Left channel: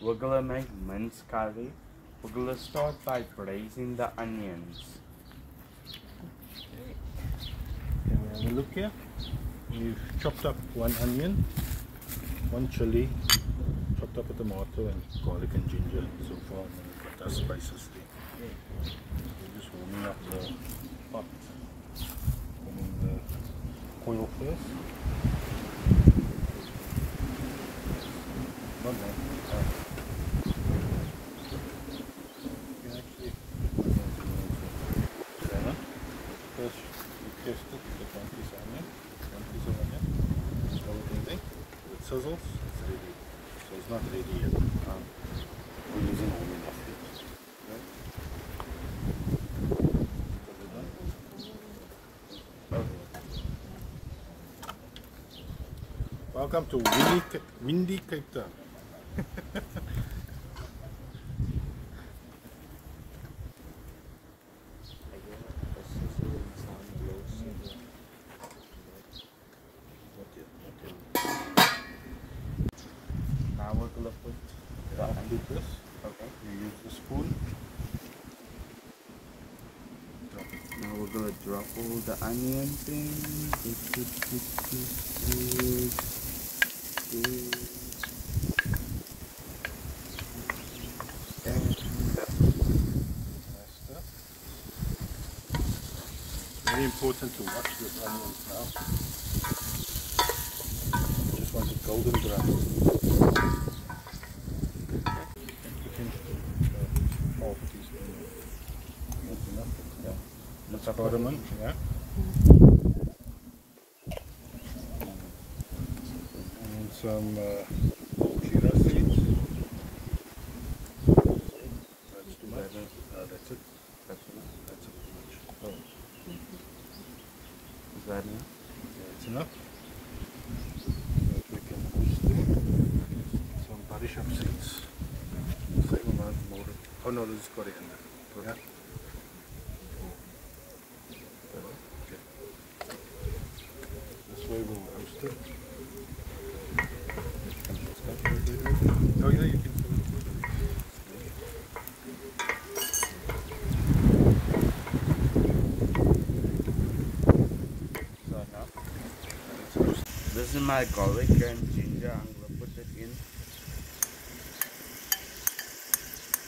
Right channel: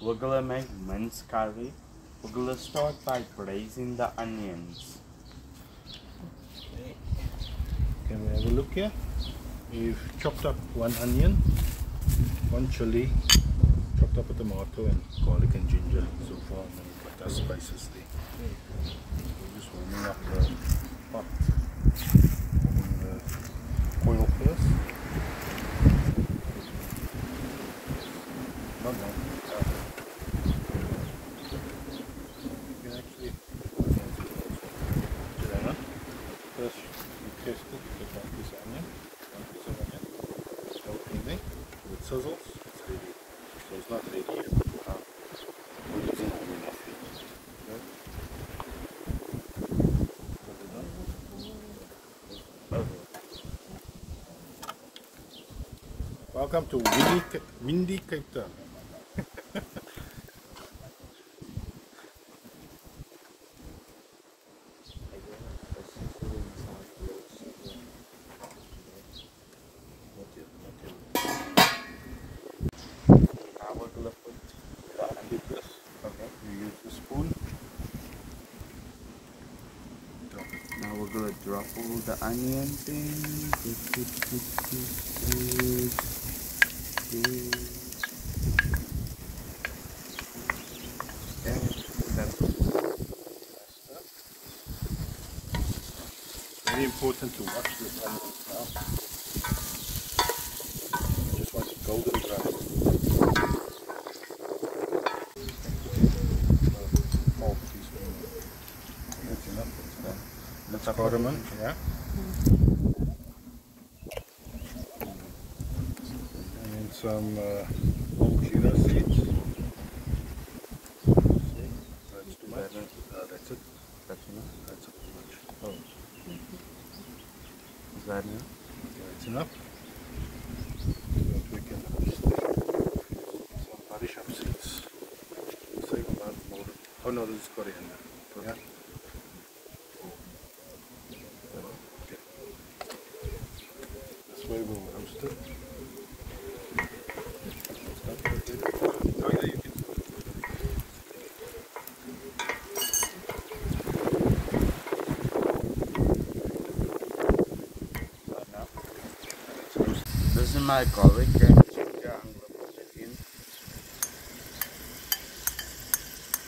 We're gonna make minced curry. We're gonna start by braising the onions. Okay. Can we have a look here? We've chopped up 1 onion, 1 chili, chopped up a tomato and garlic and ginger so far, and then we've got our spices there. So we're just warming up the pot, warming the oil first. Not long. You can actually first you test it with 1 piece of onion, 1 piece of onion. Show it anything. If it sizzles, it's ready. So it's not ready yet. We're using onion off here. Okay. Welcome to windy Cape Town. Now we're gonna put the onions. Okay. You use the spoon. Drop it. Now we're gonna drop all the onions in. Very important to wash this onions now. You just want it golden brown. Half teaspoon. That's enough. That's cardamom, yeah. And then some chia seeds. That's too much. That's it. That's enough. That's a bit much. Oh. Is that enough? Okay, that's enough. So that we can stick some body shop seeds. Same amount more. Oh no, this is coriander. Yeah. Okay. This way we'll roast it. Oh yeah, you can. This is my garlic and ginger. I'm gonna put it in.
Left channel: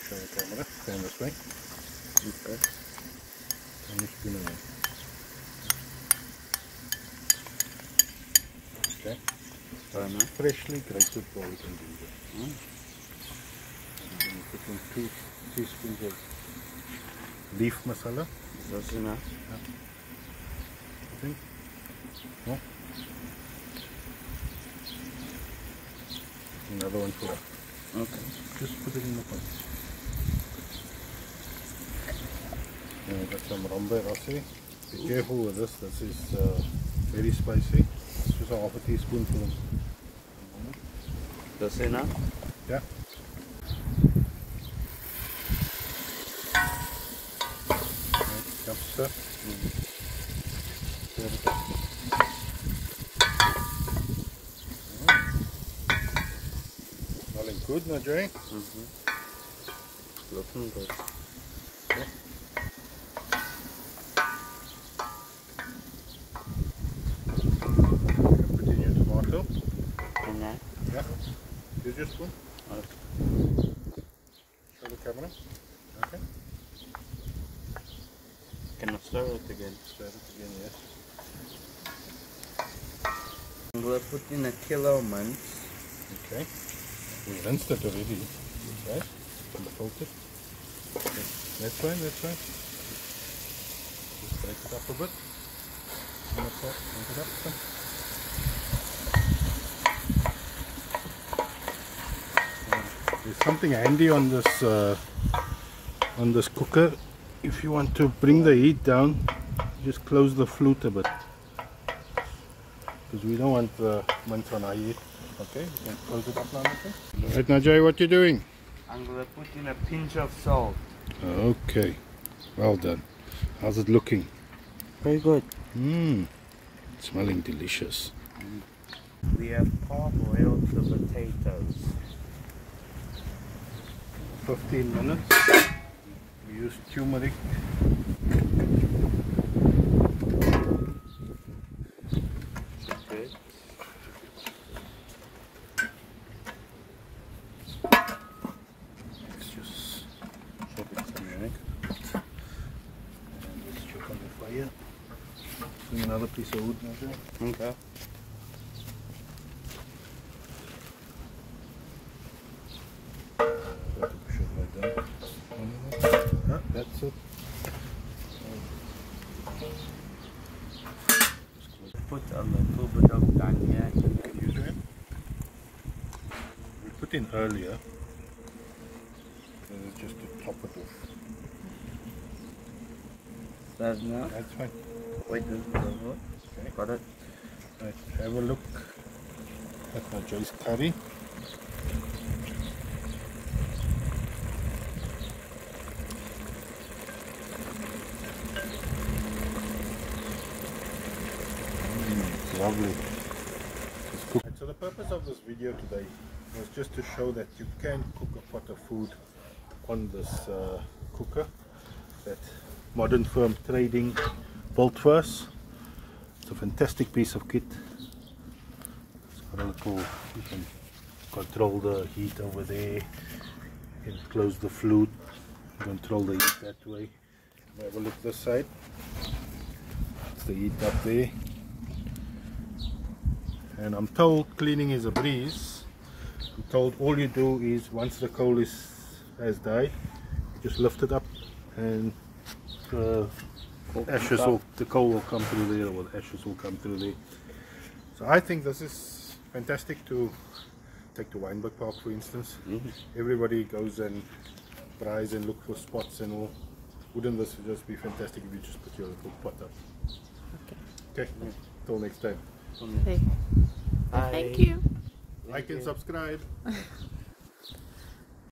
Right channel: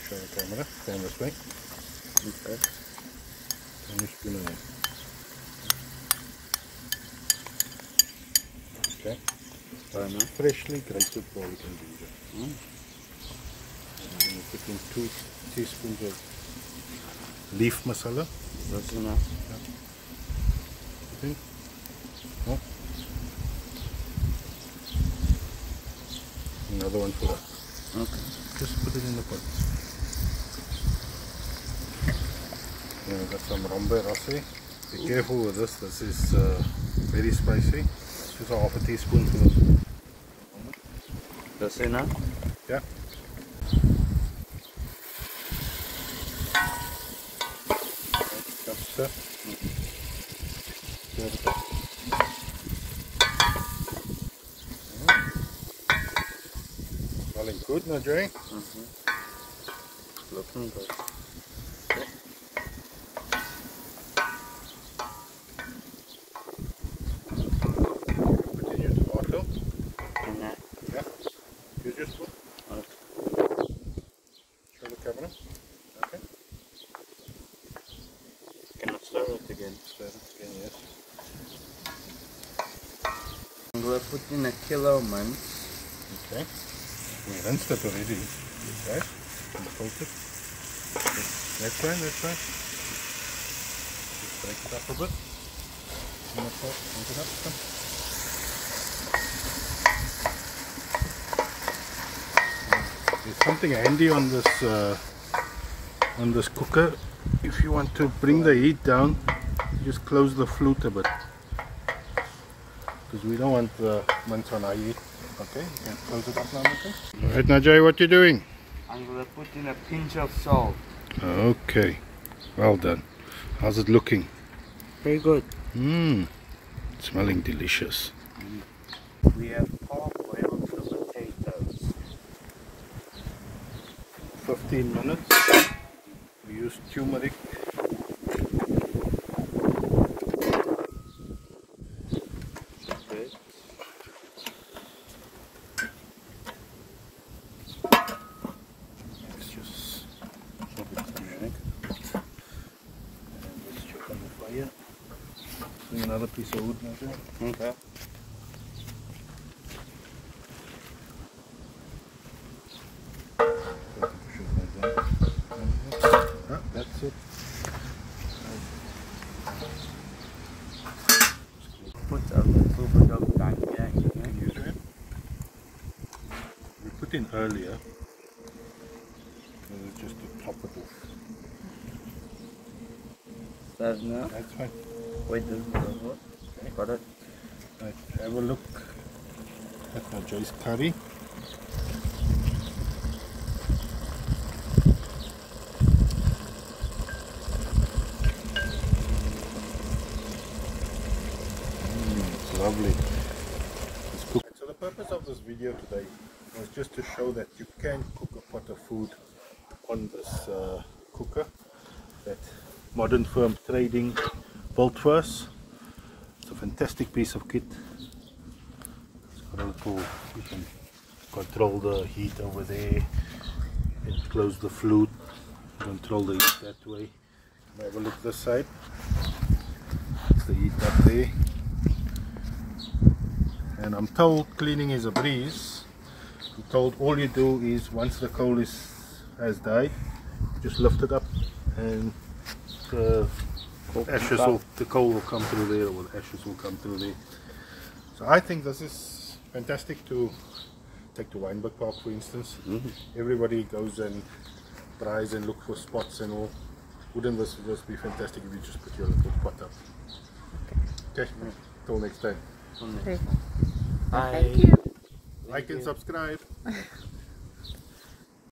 Show the camera. Stand this way. Okay. And you spin it in. Okay. Freshly grated garlic and ginger. And you put in 2 teaspoons of leaf masala. That's enough. Okay. Oh. Another one for us. Okay. Just put it in the pot. We've got some rombe rosé. Be careful with this. This is very spicy. Just a half a teaspoon for this. That's enough? Yeah. Chopster. Pour it up. Smelling good, NaJ'sGrills? Looking good. Okay. Tomato. And that? Yeah. Use your spoon. Okay. Show the camera. Okay. Can I stir it again? Stir it again, yes. I'm going to put in a kilo mince. Okay. We rinsed it already. Okay. And fold it. That's right, that's right. Just break it up a bit. And that's it. Break it up. There's something handy on this cooker. If you want to bring the heat down, just close the flute a bit. Because we don't want the mince on high heat. Okay, you can close it up now. Okay. Alright, NaJ'sGrills, what you doing? I'm going to put in a pinch of salt. Okay, well done. How's it looking? Very good. Smelling delicious. We have parboiled the potatoes. 15 minutes. We use turmeric. Okay. Let's just chop it turmeric. And let's chop on the fire. Bring another piece of wood now. Okay. That's it. Put a little bit of dhania in here. We put in earlier, just to top it off. That's enough. That's fine. Wait, this is over. Okay. Got it. Right, have a look at NaJ'sGrills curry. It's lovely. It's cooked. So the purpose of this video today was just to show that you can cook a pot of food on this cooker that Modern Firm Trading built for us. It's a fantastic piece of kit. It's very cool. You can control the heat over there. You can close the flute, control the heat that way. Have a look this side. It's the heat up there. And I'm told cleaning is a breeze. I'm told all you do is once the coal has died, just lift it up and the coal will come through there, or the ashes will come through there. So I think this is fantastic to take to Wynberg Park, for instance. Everybody goes and tries and look for spots and all. Wouldn't this just be fantastic if you just put your little pot up? Okay, till next time. Thank you. Like and subscribe.